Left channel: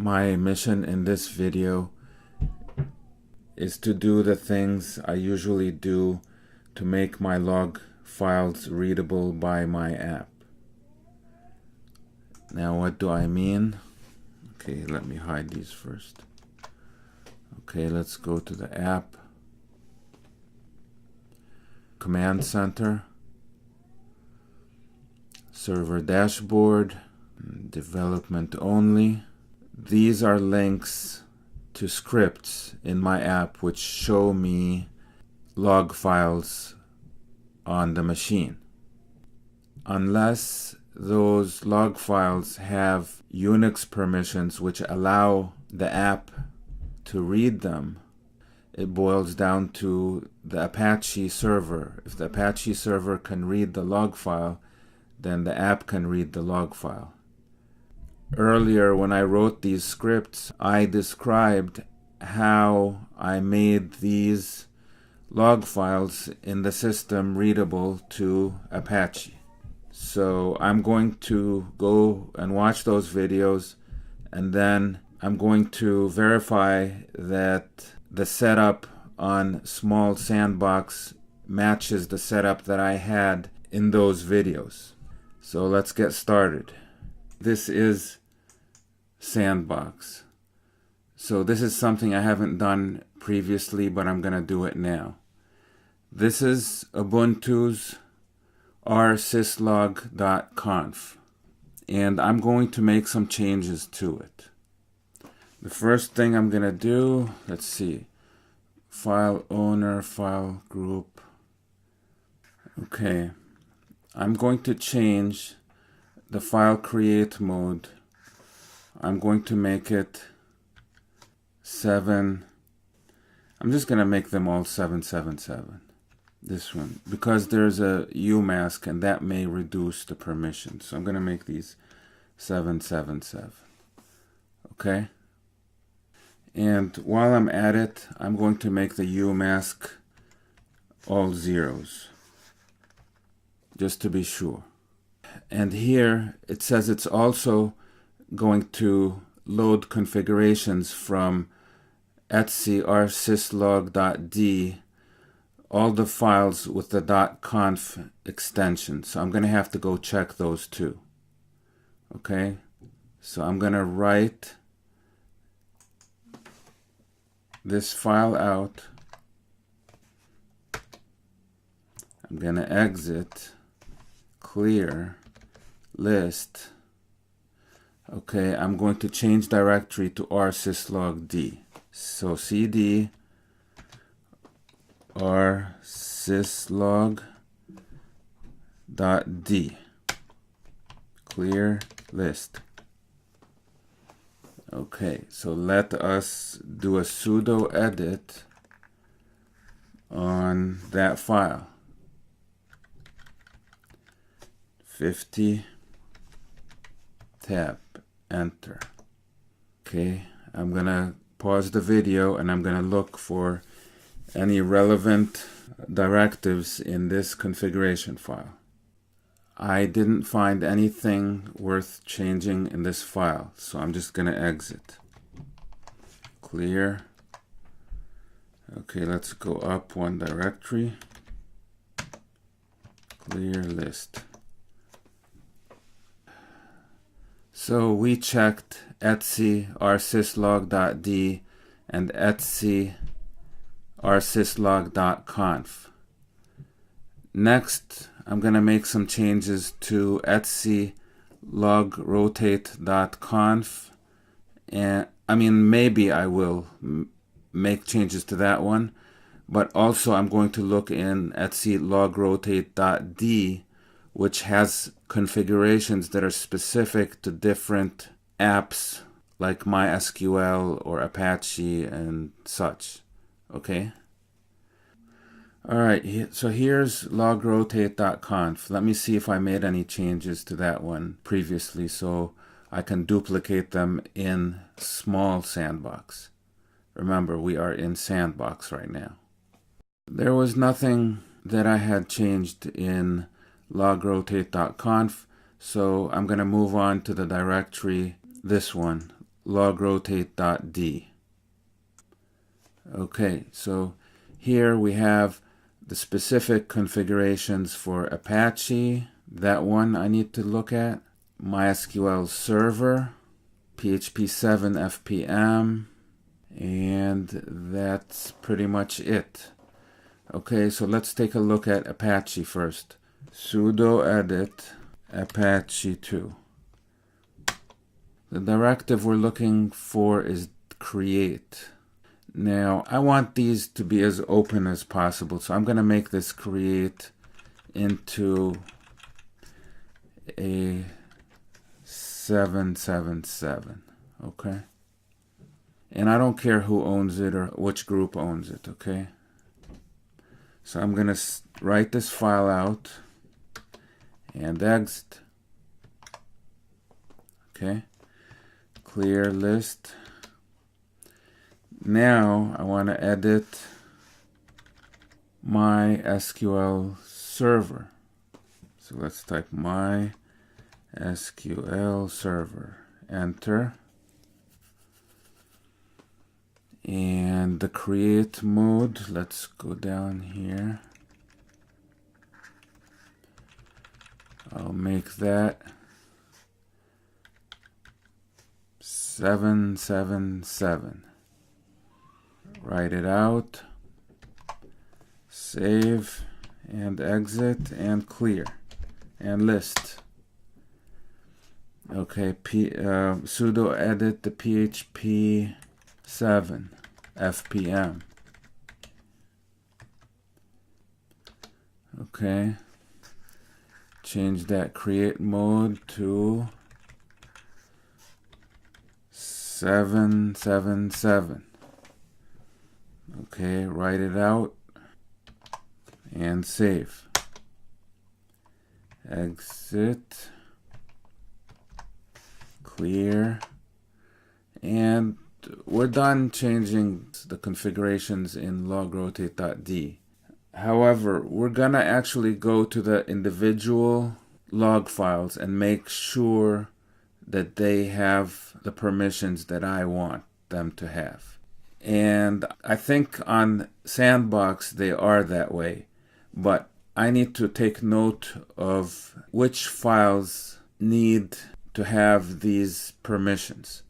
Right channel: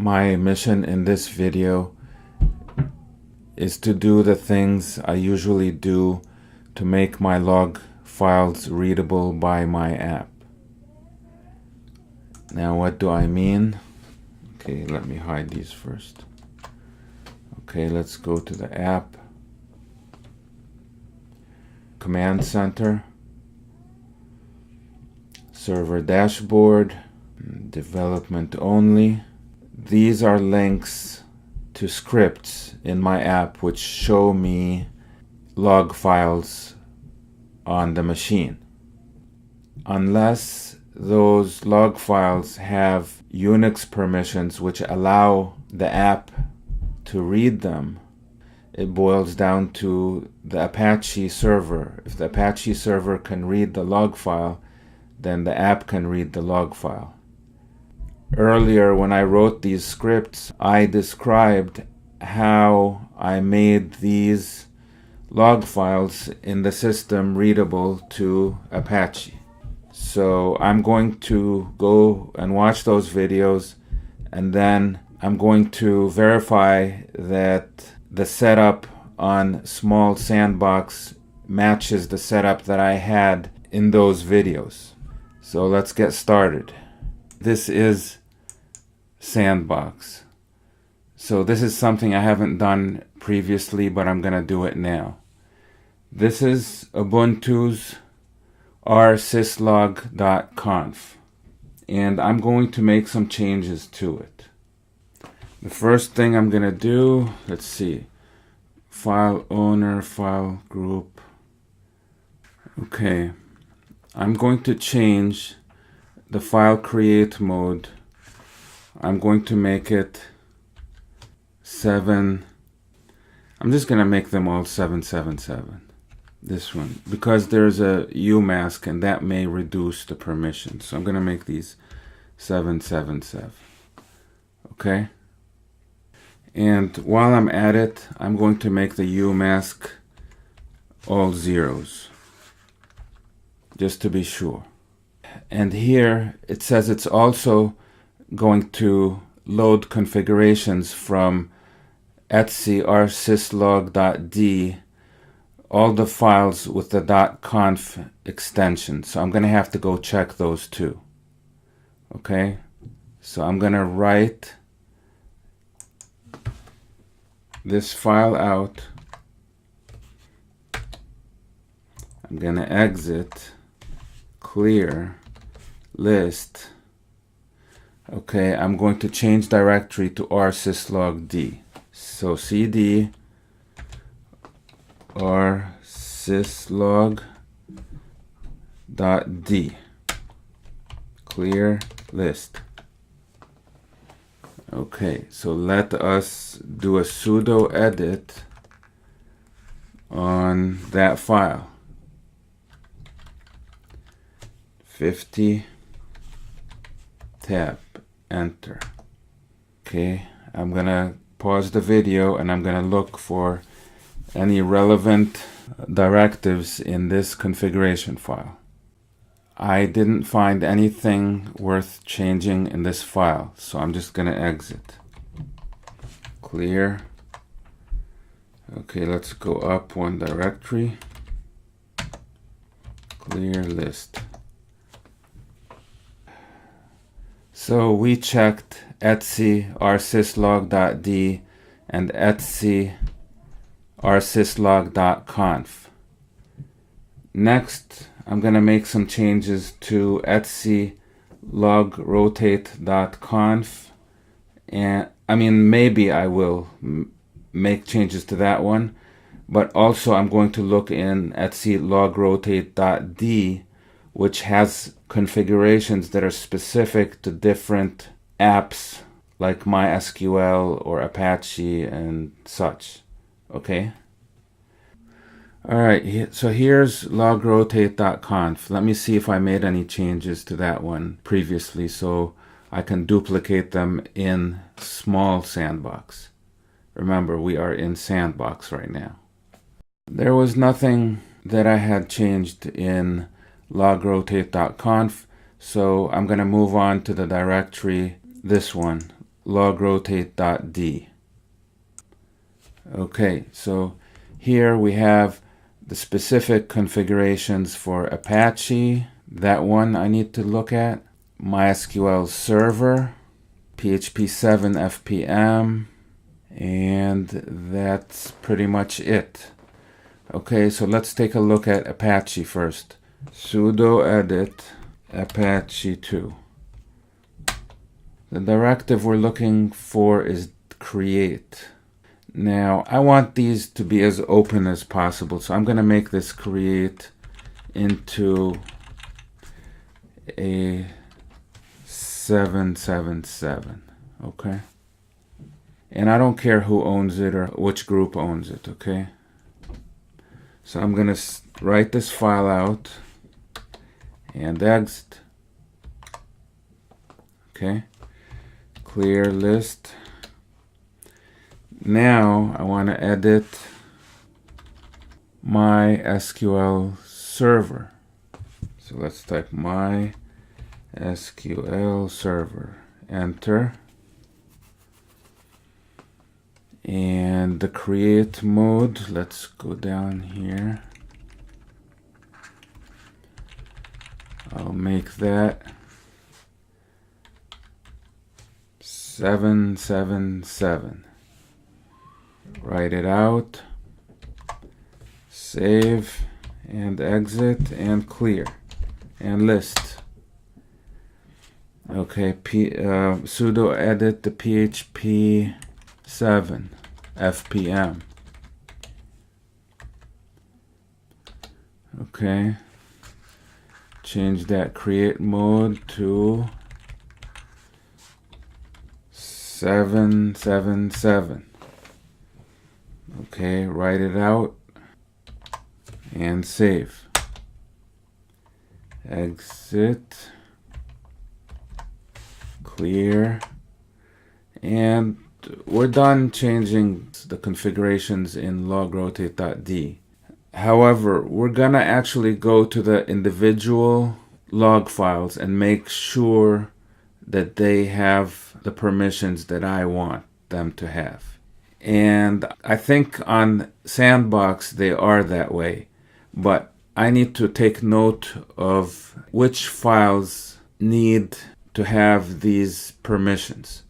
My mission in this video is to do the things I usually do to make my log files readable by my app. Now, what do I mean? Okay, let me hide these first. Okay, let's go to the app, Command Center, Server Dashboard, Development Only. These are links to scripts in my app which show me log files on the machine. Unless those log files have Unix permissions which allow the app to read them, it boils down to the Apache server. If the Apache server can read the log file, then the app can read the log file. Earlier, when I wrote these scripts, I described how I made these log files in the system readable to Apache. So I'm going to go and watch those videos, and then I'm going to verify that the setup on Small Sandbox matches the setup that I had in those videos. So let's get started. This is Sandbox. So this is something I haven't done previously, but I'm going to do it now. This is Ubuntu's syslog.conf, and I'm going to make some changes to it. The first thing I'm going to do, let's see, file owner, file group. Okay, I'm going to change the file create mode. I'm going to make it 7. I'm just going to make them all 777. This one, because there's a UMask and that may reduce the permission. So I'm going to make these 777. Okay? And while I'm at it, I'm going to make the UMask all zeros, just to be sure. And here it says it's also going to load configurations from etc rsyslog.d, all the files with the .conf extension. So I'm going to have to go check those too. Okay, so I'm going to write this file out. I'm going to exit, clear, list. Okay, I'm going to change directory to rsyslog.d. So cd rsyslog.d, clear list. Okay, so let us do a sudo edit on that file. 50 tab, enter. Okay, I'm gonna pause the video and I'm gonna look for any relevant directives in this configuration file. I didn't find anything worth changing in this file, so I'm just gonna exit. Clear. Okay, let's go up one directory. Clear list. So we checked etc rsyslog.d and etc rsyslog.conf. Next, I'm going to make some changes to etc logrotate.conf, and maybe I will make changes to that one, but also I'm going to look in etc logrotate.d, which has configurations that are specific to different apps like MySQL or Apache and such. Okay? Alright, so here's logrotate.conf. Let me see if I made any changes to that one previously so I can duplicate them in Small Sandbox. Remember, we are in Sandbox right now. There was nothing that I had changed in logrotate.conf, so I'm going to move on to the directory, this one, logrotate.d. Okay, so here we have the specific configurations for Apache. That one I need to look at. MySQL Server, PHP 7 FPM, and that's pretty much it. Okay, so let's take a look at Apache first. Sudo edit Apache 2. The directive we're looking for is create. Now, I want these to be as open as possible, so I'm going to make this create into a 777, okay? And I don't care who owns it or which group owns it, okay? So I'm going to write this file out and exit, okay? Clear list. Now I want to edit MySQL server. So let's type MySQL server. Enter. And the create mode, let's go down here. I'll make that 777. Write it out, save, and exit, and clear, and list. Okay, sudo edit the PHP 7 FPM. Okay, change that create mode to 777. Okay, write it out and save. Exit, clear, and we're done changing the configurations in logrotate.d. However, we're gonna actually go to the individual log files and make sure that they have the permissions that I want them to have. And I think on Sandbox they are that way, but I need to take note of which files need to have these permissions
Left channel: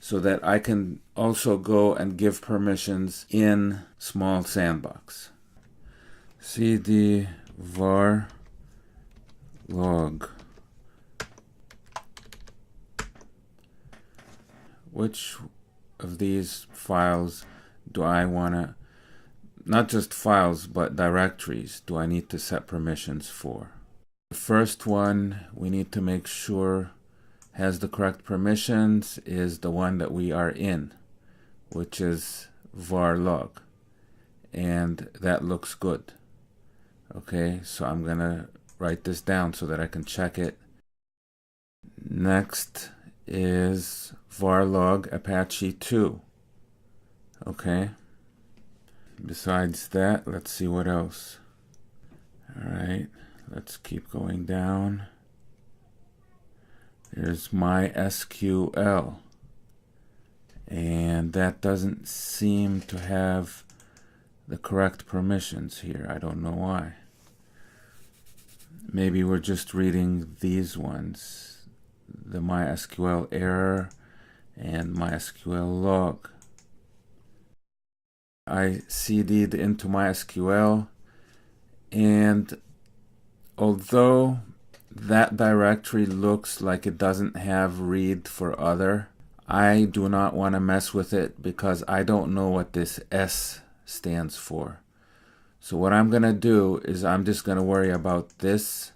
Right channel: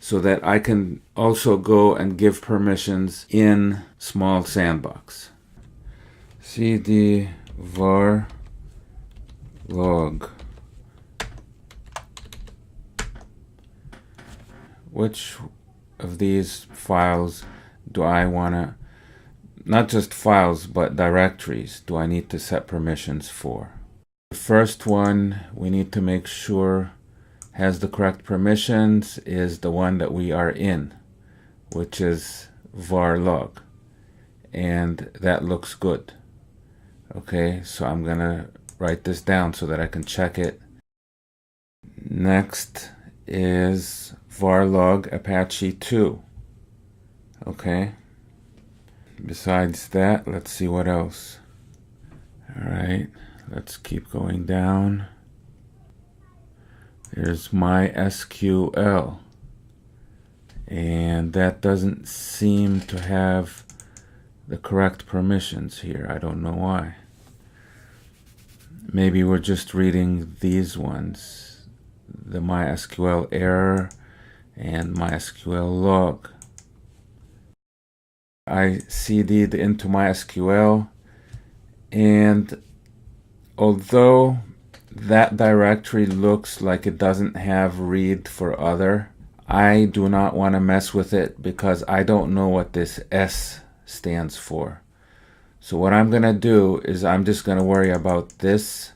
so that I can also go and give permissions in small Sandbox. cd var log. Which of these files do I want to, not just files, but directories, do I need to set permissions for? The first one we need to make sure has the correct permissions is the one that we are in, which is var log. And that looks good. Okay, so I'm going to write this down so that I can check it. Next is varlog Apache 2. Okay. Besides that, let's see what else. Alright, let's keep going down. There's MySQL. And that doesn't seem to have the correct permissions here. I don't know why. Maybe we're just reading these ones. The MySQL error and MySQL log. I cd'd into MySQL, and although that directory looks like it doesn't have read for other, I do not want to mess with it because I don't know what this S stands for. So what I'm going to do is I'm just going to worry about this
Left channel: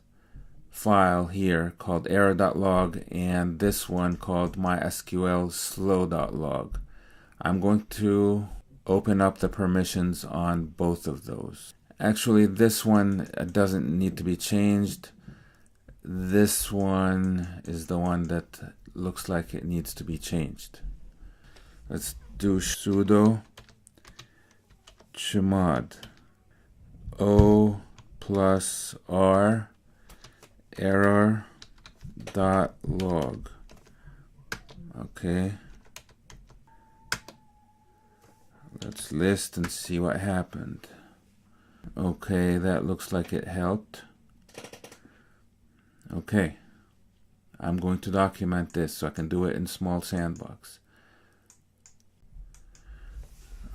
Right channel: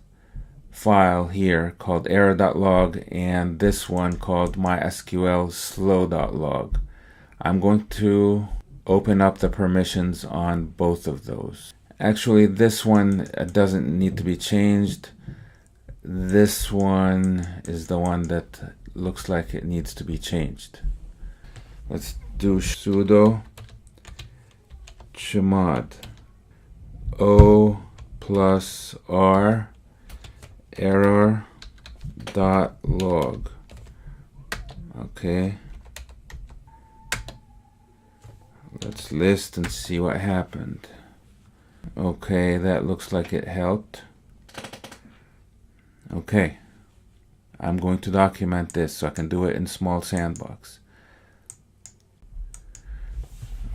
file here called error.log and this one called MySQL slow.log. I'm going to open up the permissions on both of those. Actually, this one doesn't need to be changed. This one is the one that looks like it needs to be changed. Let's do sudo chmod o+r error.log. Okay, Let's list and see what happened. Okay, that looks like it helped. Okay, I'm going to document this so I can do it in small sandbox.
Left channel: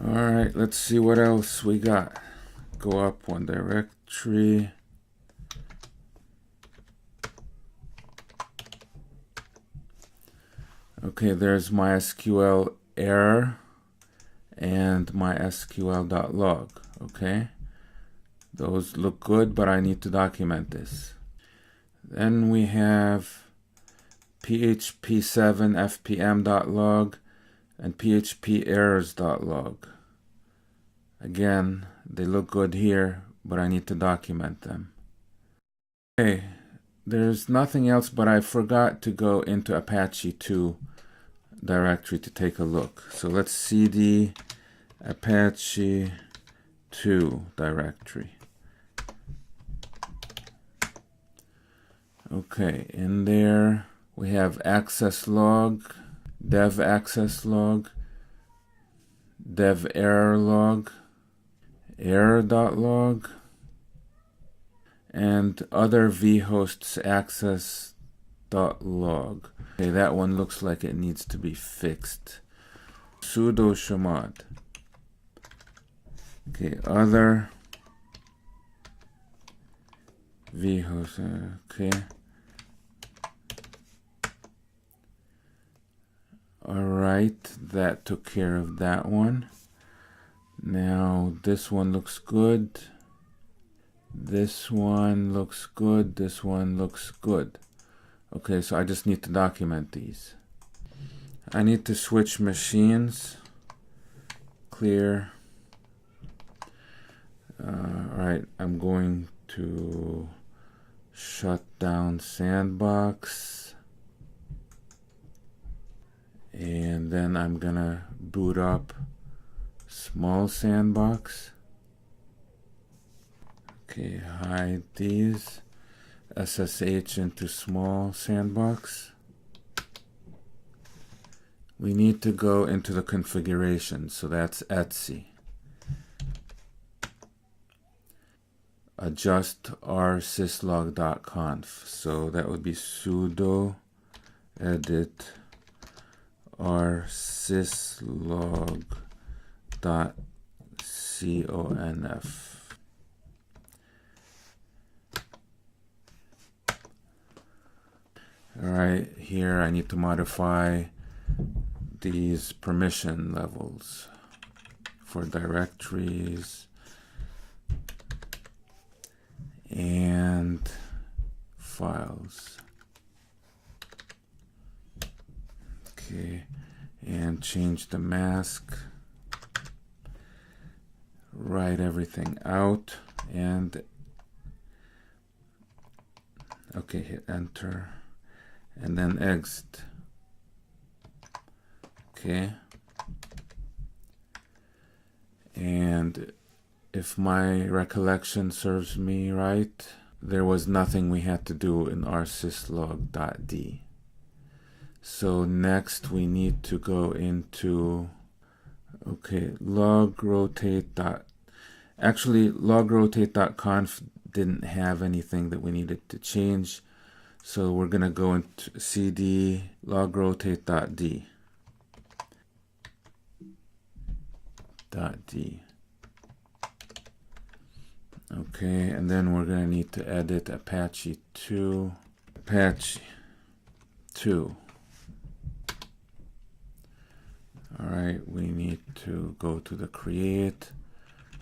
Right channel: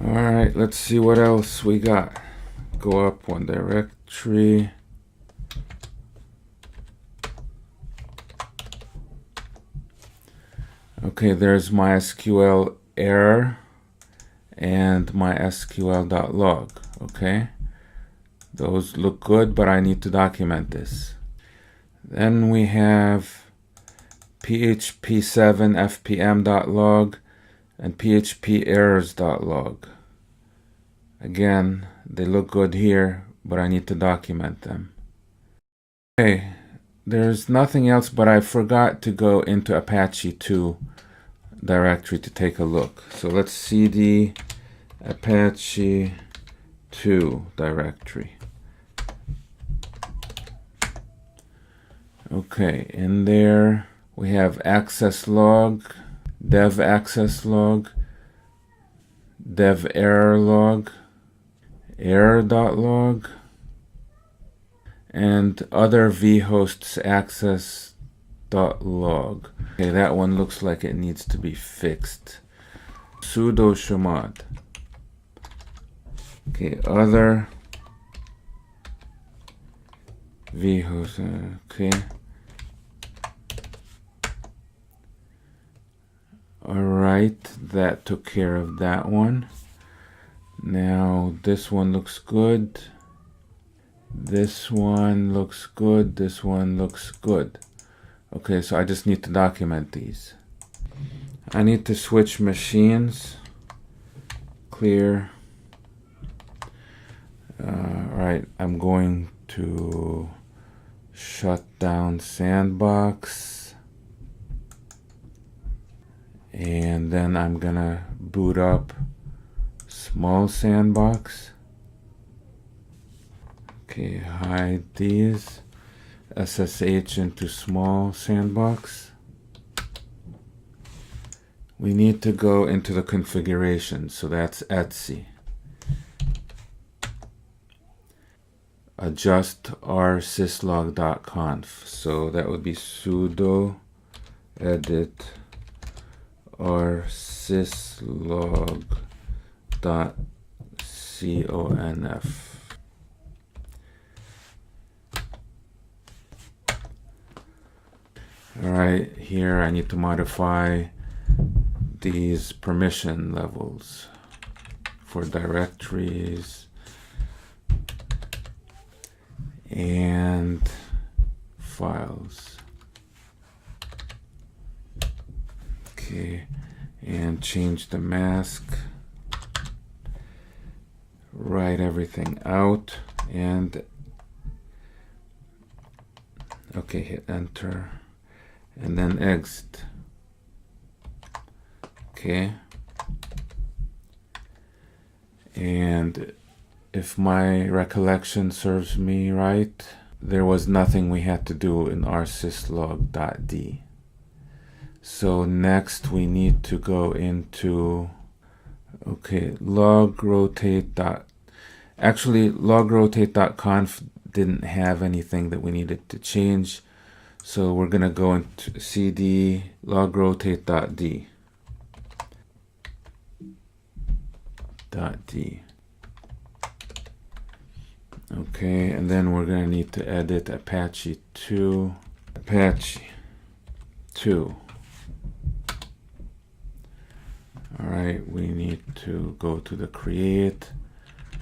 Alright, let's see what else we got. Go up one directory. Okay, there's MySQL error and MySQL.log. Okay, those look good, but I need to document this. Then we have php7 fpm.log and php-errors.log. Again, they look good here, but I need to document them. Okay, there's nothing else, but I forgot to go into Apache 2 directory to take a look. So let's cd Apache 2 directory. Okay, in there we have access log, dev access log, dev error log, error.log, and other vhosts access.log. Okay, that one looks like it needs to be fixed. Sudo chmod. Okay, other vhost. Okay. Alright, that took care of that one. Now this one looks good. This one looks good. This one looks good. Okay, so I just need to document these. I need to switch machines. Clear. Alright, I'm going to shut down Sandbox. And then I'm gonna boot up small sandbox. Okay, hide these. SSH into small sandbox. We need to go into the configuration, so that's etc. Adjust our syslog.conf. So that would be sudo edit our syslog.conf. Alright, here I need to modify these permission levels for directories and files. Okay, and change the mask, write everything out, and okay, hit enter, and then exit. Okay, and if my recollection serves me right, there was nothing we had to do in our syslog.d. So next we need to go into, okay, actually logrotate.conf didn't have anything that we needed to change. So we're gonna go into cd logrotate.d. Okay, and then we're gonna need to edit Apache 2. Alright, we need to go to the create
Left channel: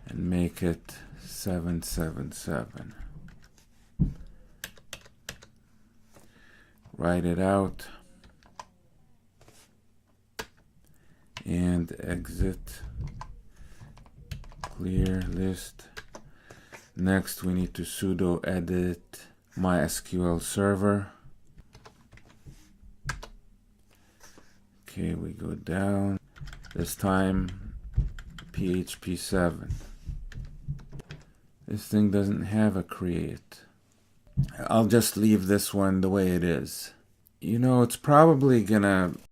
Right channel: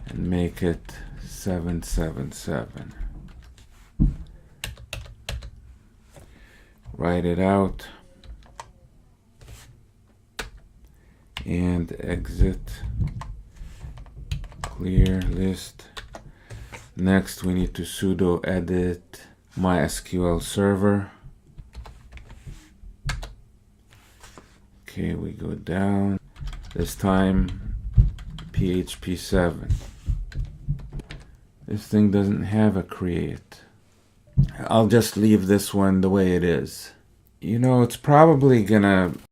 and make it 777. Write it out and exit. Clear list. Next we need to sudo edit MySQL server. Okay, we go down. This time PHP7. This thing doesn't have a create. I'll just leave this one the way it is. You know, it's probably gonna